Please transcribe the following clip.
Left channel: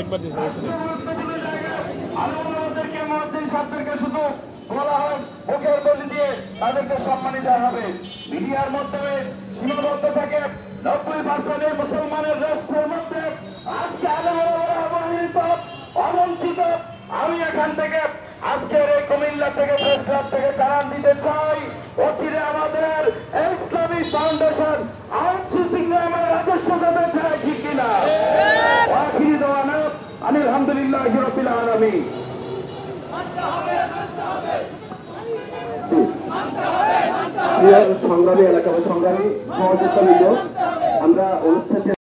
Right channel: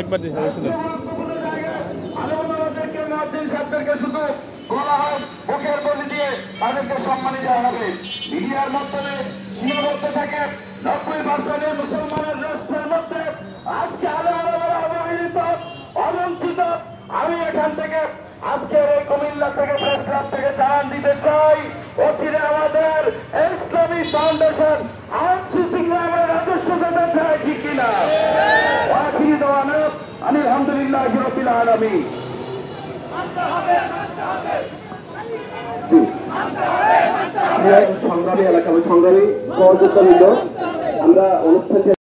একবার ছাত্রদেরকে শুধু বলা হোক মুখের বলি দিয়ে তাদেরকে সম্মানী দেওয়া হবে। মিডিয়ার মাধ্যমে সীমাবদ্ধ থাকে 90% মুসলমানের রাষ্ট্রের মধ্যে আজকে আলেমরা অবহেলিত অবঞ্চিত। আমি এখান থেকে আজকের এই কুমিল্লা থেকে প্রেস ক্লাব থেকে জানান দিতে চাই, অচিরে আমাদের ইসলামিক ফাউন্ডেশন আইনসিসি গ্রামের রাজস্ব দেবে চাই, ঠিক কিনা? আখিরি দেওয়ানা আলহামদুলিল্লাহ রাব্বিল আলামিন। সংগ্রামী এলাকা সংগ্রামী আমরা অনুষ্ঠান